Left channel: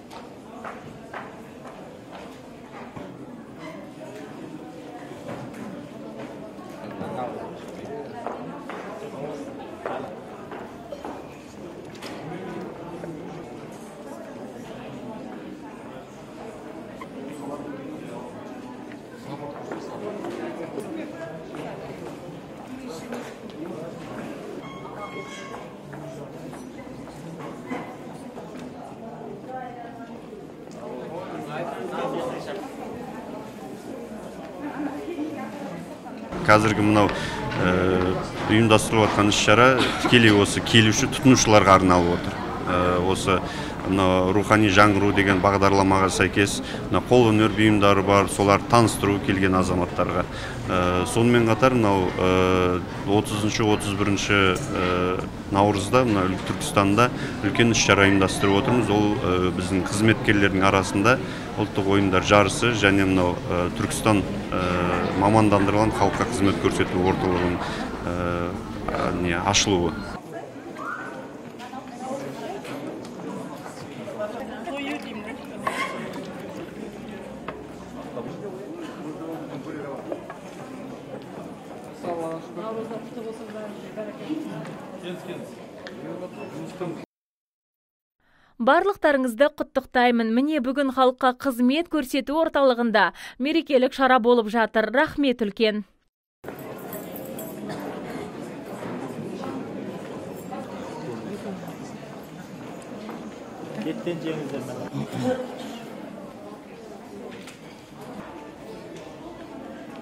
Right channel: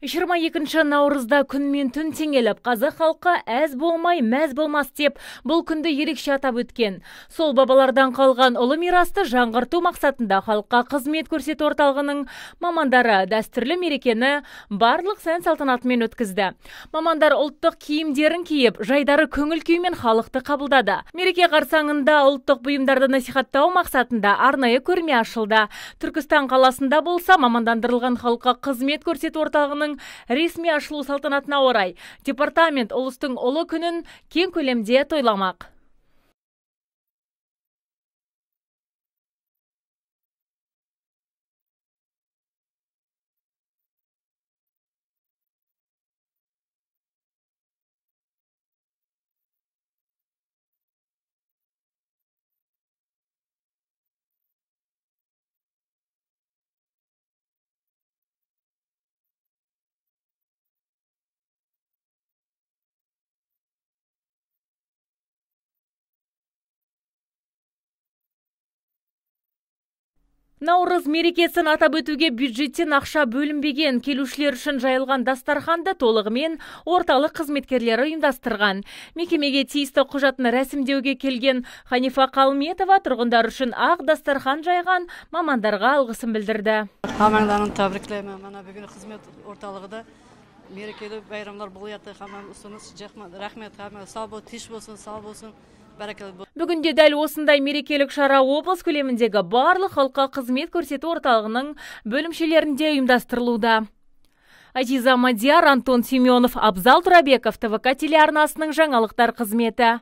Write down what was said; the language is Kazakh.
22 наурызда күн мен түн теңеліп, қазақ халқы әз болмай, мәз болмас деп, бұл күнді ерекше атап өткен. Сол бабалардан қалған ұлы мирасты жаңғырту мақсатында халыққа қызмет көрсету орталығының мамандары дәстүрлі мерекені барлық сән салтанатымен өткізді. Мамандар ұлттық киімдерін киіп, жайдары көңіл күймен халықты қабылдады. Мереке қарсаңында ұлттық бұйымдарды насихаттау мақсатында арнайы көрме ашылды. Түркістан қаласында болса, мамандандырылған халыққа қызмет көрсету орталығының ресми ашылу салтанатына орай департамент ұлыстың ұлы күнін кең көлемде тойламақ. Қазіргі мынау ұйымдастырылып жатқан іс-шара тікелей осы келуші тұтынушыларға арналып отыр. Осы рухани жаңғыру деген бағдарламаға сәйкес қолөнер бұйымдары бар, солар таныстыру келген азаматтарға. Сонымен қатар 30-31 наурызда Түркістанда үлкен іс-шара ұйымдастырып отырмыз. Ол біздің қызметкерлердің арасында ұлттық ойындар жарысы және Түркістан мамандандырылған халыққа қызмет көрсету орталығының ашылуы. Наурыз мерекесін атап өтуге бюджеттен ақша бөлінбеген, келушілер үшін жайылған дастарханды толығымен орталық қызметкерлері ұйымдастырған. Мекемеге тиісті құжатын рәсімдеуге келген Ханифа Қалметова тұрғындар үшін ақ дастархан жайған, мамандарға алғысын білдірді. Барлықтарыңызды құттықтаймын. Міне бүгін халыққа қызмет көрсету орталығында мерекелік шара болып жатыр. Рахмет үлкен. Бүгінде дәл осындай мерекелік шара облыс көлеміндегі барлық халыққа қызмет көрсету орталығының бөлімшелерінде ұйымдастырылуда. Азиза Мадияр, Антон Семенов, Абзал Турабеков, ТВК телеарнасының жаңалықтар қызметі.